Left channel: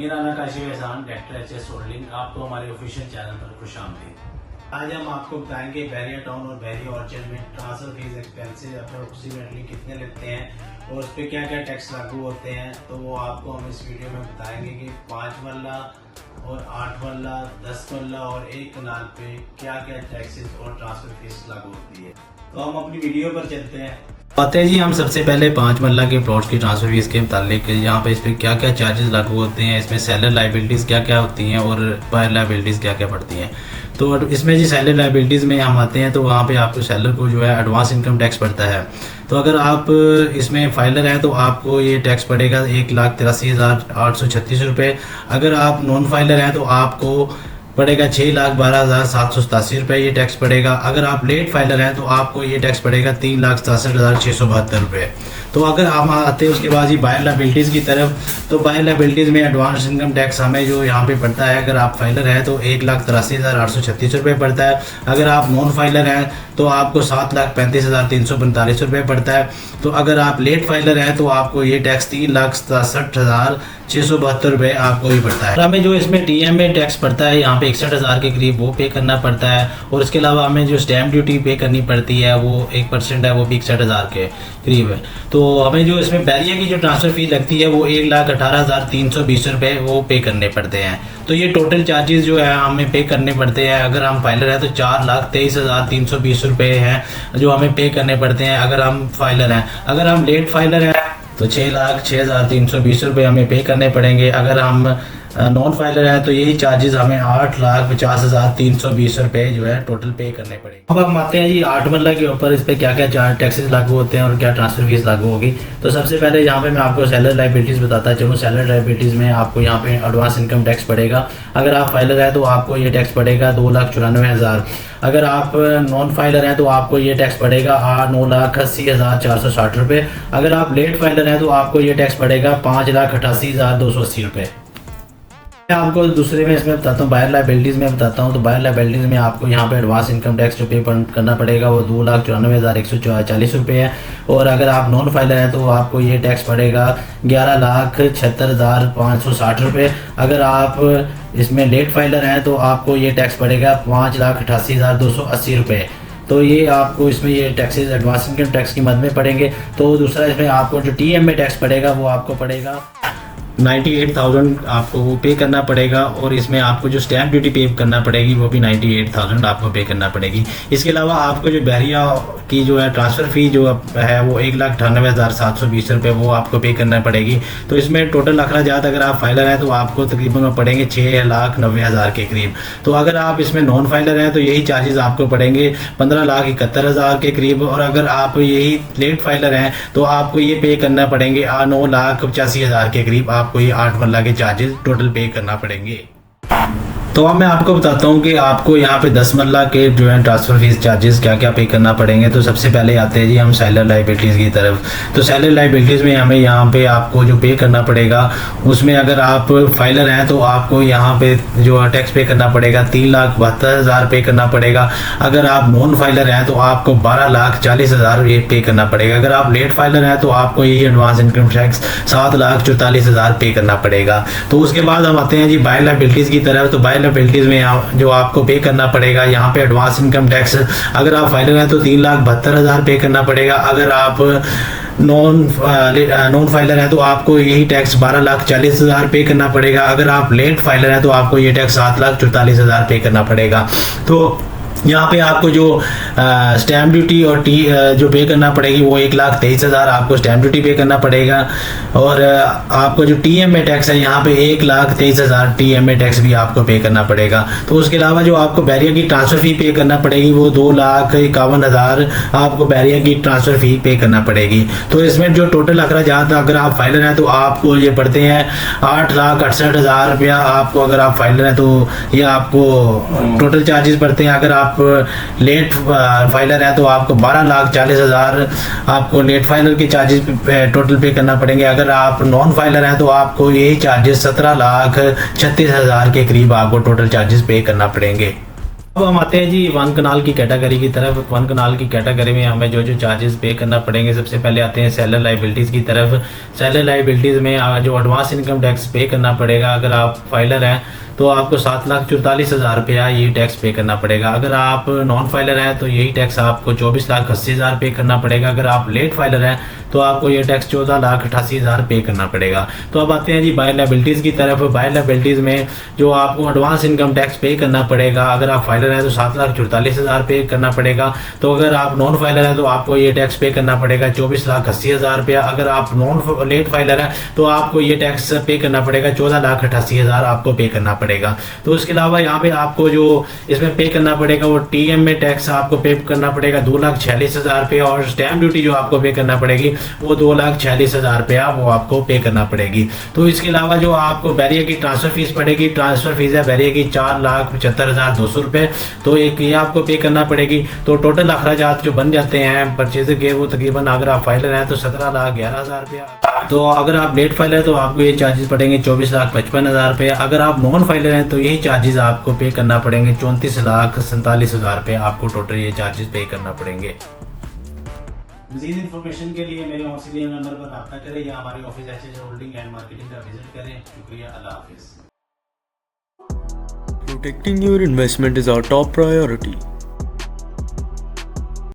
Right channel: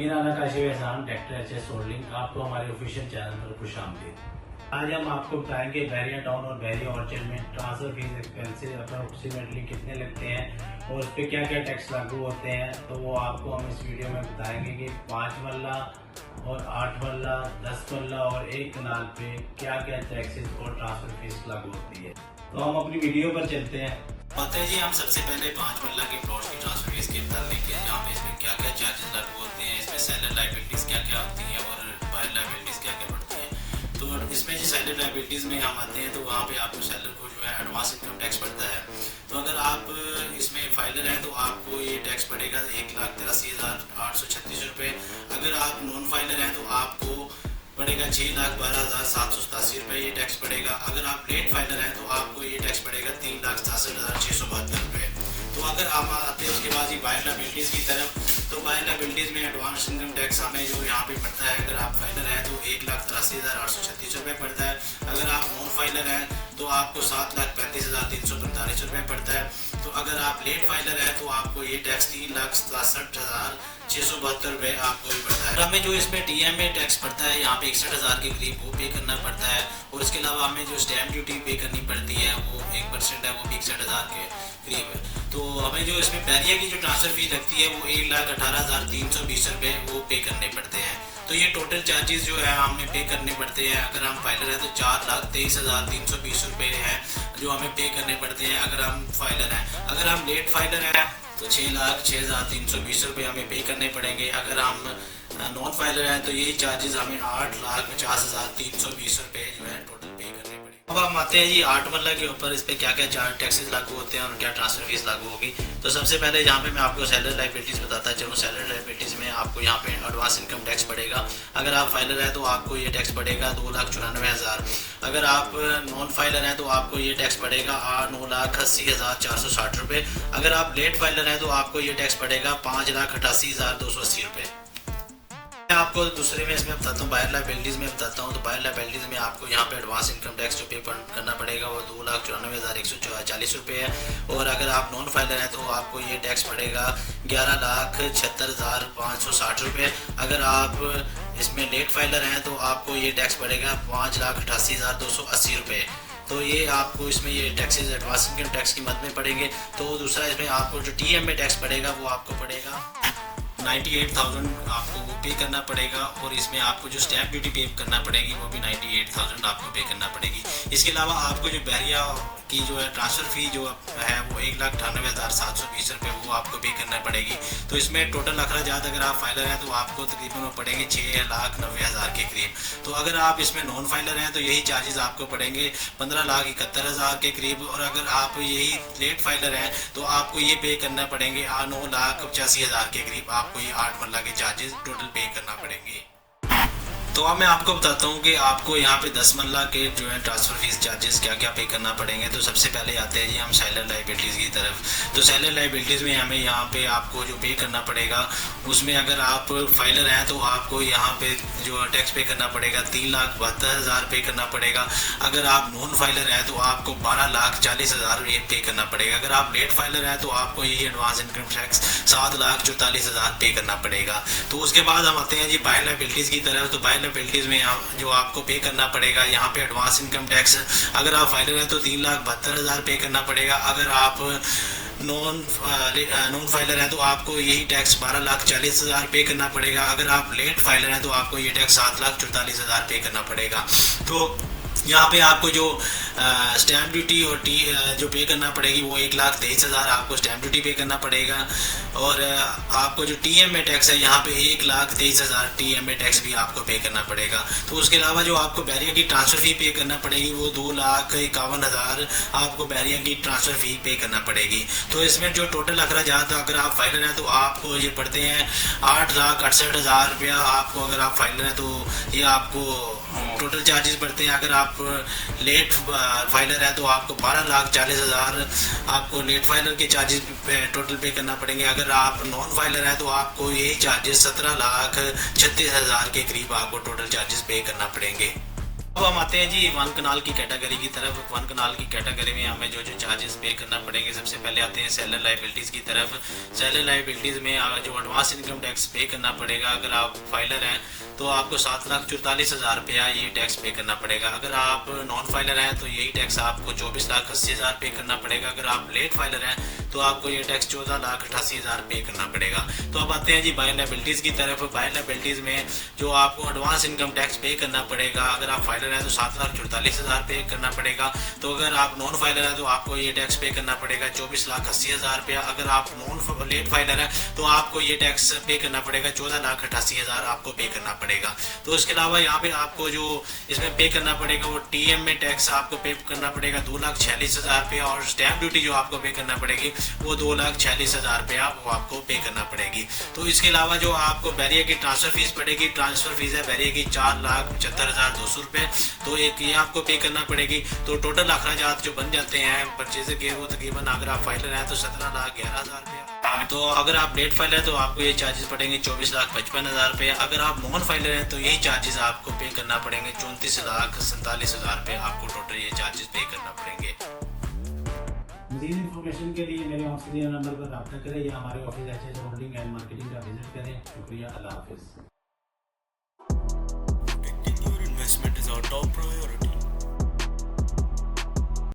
मेरा नाम काशिफ एहसान, ट्रैक्टर एचएस होल्डिंग, आपको हमारे ऑफिशियल चैनल पर खुशामदीद। आज हम आपको बताएंगे बैरिया टाउन और बैरिया ऑर्चर्ड में ट्रांसफर फीस एक्सपेंसिव अप्रोक्सीमेटली कितने लगते हैं और उस पर क्या क्या टैक्स लागू होते हैं। तो वो आपको हम इस वीडियो में बताएंगे कि 5 मरला और 8 मरला, 10 मरला और 1 कनाल पे क्या क्या टैक्सेस और ट्रांसफर फीस लागू होती है। तो हम अपनी वीडियो पर चलते हैं। आते हैं जी हम सबसे पहले 5 मरला के प्लॉट्स की ट्रांसफर फीस के मुतालिक यहाँ पे इस पर क्या क्या चार्जेस लागू होते हैं, इसमें सेलर लाइबिलिटीज़ क्या क्या होती हैं और बायर लाइबिलिटीज़ क्या क्या पड़ती हैं। तो इसमें जी सेलर लाइबिलिटीज़ में हम आते हैं तो वहाँ पे आपको सेलर को जो है एडवांस इनकम टैक्स पड़ता है। तो अगर आप इसमें फाइलर हैं तो आपको ये टैक्स पड़ेगा 1,83,836 रुपये। अगर आप नॉन फाइलर हैं तो आपको पड़ेगा 6,12,787 रुपये ये टैक्स पड़ेगा। अगर आप लेट फाइलर हैं तो आपको ये टैक्स पड़ेगा 3,67,672 रुपये। तो अगर हम आते हैं उसके बाद ही बायर लाइबिलिटीज़ की तरफ, तो बायर लाइबिलिटीज़ में एडवांस इनकम टैक्स हमें जो यहाँ पे पड़ता है, अगर आप फाइलर हैं तो 1,83,836 रुपये पड़ता है। अगर आप नॉन फाइलर हैं तो आपको 7,35,345 रुपये पड़ता है। तो अगर आप लेट फाइलर हैं तो आपको ये टैक्स 3,67,672 रुपये आपको ही पड़ता है। हमें जो इसमें TMA टैक्स पड़ता है यहाँ पे 61,000 के करीब वो पे करना पड़ता है। और इसके अलावा हमें जो स्टैम्प ड्यूटी पे करनी पड़ती है वो 1% है, वो भी 61,000 के करीब है। तो हमें जो इसमें बैरिया की जो ट्रांसफ़र फीस लगती है वो 1,18,320 रुपये वो पे करने पड़ते हैं। तो ये टोटल चार्जेस जो है हमें पे करने पड़ते हैं। अगर हम फाइलर हैं तो 4,23,320 रुपये हैं जो हमें पे करने पड़ते हैं अगर हम फाइलर हैं। अगर हम लेट फाइलर हैं तो 6,06,320 रुपये हमें पे करने पड़ेंगे। अगर हम नॉन फाइलर है तो यही चार्जेस हमें 8,50,320 रुपये जो है टोटल पे करने पड़ेंगे। अब हम आते हैं जी 8 मरला के ऊपर, इस पर क्या क्या चार्ज टैक्सेस लागू होते हैं और क्या ट्रांसफर फीस लागू होगी। तो सबसे पहले यहाँ पे मैं आपको सेलर लाइबिलिटीज़ बताता चलूँ। सेलर लाइबिलिटीज़ में आपको यहाँ पे एडवांस इनकम टैक्स पड़ेगा। अगर आप फाइलर है तो आपको ये टैक्स पड़ेगा 2,94,000। अगर आप नॉन फाइलर हैं तो आपको ये टैक्स पड़ेगा 9,80,460 रुपये। अगर आप लेट फाइलर हैं तो आपको ये टैक्स पड़ेगा 5,88,280 रुपये। मैं आपको दूसरे में इसमें बताता हूँ, बायर लाइबिलिटीज़ में बताता हूँ। तो बायर लाइबिलिटीज़ में आपको यहाँ पे एडवांस इनकम टैक्स जो पे करना पड़ेगा वो 2,94,140 रुपये है। और अगर आप नॉन फाइलर हैं तो आपको ये टैक्स पड़ेगा 11,76,560 रुपये। अगर आप इसमें लेट फाइलर हैं तो आपको ये टैक्स पड़ेगा 5,88,280 रुपये। तो ये आपको इसमें ये टैक्सेस एडवांस इनकम टैक्स की मद में पड़ेंगे। तो दूसरा इसमें आपको जो TMA टैक्स पड़ेगा वो आपको पड़ेगा 98,000 आपको वो पे करना पड़ेगा। और इसमें आपको जो स्टैम्प ड्यूटी पे करना पड़ेगी वो भी 98,000 आपको पे करना पड़ेगी। इसके अलावा आपको जो बैरिया की जो है ट्रांसफ़र फ़ी जो है वो 1,98,720 रुपये वो आपको पे करना पड़ेगी। तो इसमें टोटल अखराजात अगर आप फाइलर हैं तो आपको तकरीबन पड़ेंगे 6,90,000 के करीब। तो अगर आप इसमें नॉन फाइलर हैं तो यही चार्जेस आपको पड़ेंगे 15,71,000 के करीब। और अगर आप यही लेट फाइलर हैं तो आपको ये पे करना पड़ेंगे 9,85,000 के करीब। आपको ये 8 मरला के चार्जेस टोटल पे करना पड़ेंगे। तो अब मैं आपको बताता हूँ कि आपको यहाँ पे 10 मरला के जो है ट्रांसफ़र फीस चार्जेस क्या क्या पे करना पड़ेंगे। तो सबसे पहले आते हैं जी हम सेलर लाइबिलिटीज़ की तरफ। तो सेलर लाइबिलिटीज़ में हमें यहाँ पे आपको जो पे करना पड़ेगा उसमें अगर आप फाइलर हैं तो आपको यहाँ पे जो टैक्स पे करना पड़ेगा 3,72,000 पे करना पड़ेगा। अगर आप नॉन फाइलर हैं तो आपको 12,40,000 ये पे करना पड़ेगा। अगर आप लेट फाइलर हैं तो आपको यही एडवांस इनकम टैक्स 7,44,000 पे करना पड़ेगा। तो उसके बाद हम आते हैं जी बायर लाइबिलिटीज़ की तरफ। तो बायर लाइबिलिटीज़ में जो आपको पे करना पड़ेगा यहाँ पे एडवांस इनकम टैक्स, अगर आप फाइलर हैं तो 3,72,000 पे करना पड़ेगा। अगर आप नॉन फाइलर हैं तो आपको यही टैक्स 12,40,000 पे करना पड़ेगा। अगर आप लेट फाइलर हैं तो आपको ये टैक्स 7,44,000 पे करना पड़ेगा। तो यहाँ पे आपको जो स्टैम्प ड्यूटी और जो पे करना पड़ेगी वो 1,23,000 आपको स्टैम्प ड्यूटी पे करना पड़ेगा। और आपको जो TMA टैक्स है यहाँ पे 1,23,000 TMA टैक्स भी आपको पे करना पड़ेगा। तो उसके अलावा जो आपको बैरिया की ट्रांसफ़र फ़ी पे करना पड़ेगी वो 2,51,000 आपको बैरिया की ट्रांसफ़र फ़ी पे करना पड़ेगी। तो इसमें जो टोटल अखराजात अगर आप फाइलर हैं तो आपको ये पड़ते हैं 8,68,000 रुपया आपको। अगर आप फाइलर हैं तो ये आपको टोटल चार्जेस पड़ते हैं। अगर आप लेट फाइलर है तो आपको 12,40,000 आपको लेट फाइलर के चार्जेस टोटल पे करना पड़ेंगे। अगर आप नॉन फाइलर हैं तो आपको यही चार्जेस 17,36,000 के करीब आपको टोटल चार्जेस पे करना पड़ेंगे। अब हम आते हैं जी वन कनाल की कैटेगरी की तरफ। वन कनाल की कैटेगरी में हमें जो चार्जेस पे करना पड़ेंगे, सबसे पहले आते हैं सेलर लाइबिलिटीज़ की तरफ। सेलर लाइबिलिटीज़ में जो एडवांस इनकम टैक्स पे करना पड़ेगा, अगर आप फाइलर हैं तो आपको 7,44,000 रुपया ये टैक्स पे करना पड़ेगा। अगर आप नॉन फाइलर हैं तो यही टैक्स आपको 24,80,000 पे करना पड़ेगा। अगर आप लेट फाइलर हैं तो आपको ये टैक्स 14,88,000 पे करना पड़ेगा। तो अब आते हैं जी बायर लायबिलिटीज़ की तरफ। बायर लायबिलिटीज़ में जो आपको एडवांस इनकम टैक्स पे करना पड़ेगा, अगर आप फाइलर हैं तो 7,44,000 पे करना पड़ेगा। तो अगर आप नॉन फाइलर हैं तो आपको ये टैक्स पे करना पड़ेगा 24,80,000 रुपया। अगर आप नॉन लेट फाइलर हैं तो आपको ये टैक्स पे करना पड़ेगा 14,88,000 आपको पे करना पड़ेगा। तो इसके अलावा यहाँ पे आपको जो इसमें पे करना पड़ेगा वो टीएम में टैक्स आपको पे करना पड़ेगा 2,46,000 रुपया, और स्टैम्प ड्यूटी जो आपको पे करना पड़ेगी वो 2,46,000 रुपया वो आपको पे करना पड़ेगी। तो इसके अलावा जो आपको बैरियर की ट्रांसफ़र फीस पड़ेगी, ट्रांसफ़र फीस है बैरियर की 4,75,200 रुपये, तो एक ये आपको पे करना पड़ेगी। तो टोटल अखराजात जो बन जाते हैं परचेज के वो तकरीबन अगर आप फाइलर हैं तो 17,11,000 रुपया। तो अगर आप लेट फाइलर हैं तो आपको ये चार्जेस पड़ेंगे 24,55,000 रुपये। अगर आप नॉन फाइलर हैं तो यही चार्जेस आपको पे करना पड़ेंगे 34,47,000 रुपये आपको टोटल ये चार्जेस पे करना पड़ेंगे। मज़ीद इन्फॉर्मेशन के लिए मेरे ऑक्सीजन नंबर पर रब्ता करें या हमारे office HH holding and marketing का विजिट करें। शुक्रिया, अल्लाह हाफिज़। Protecting your investment is our top priority.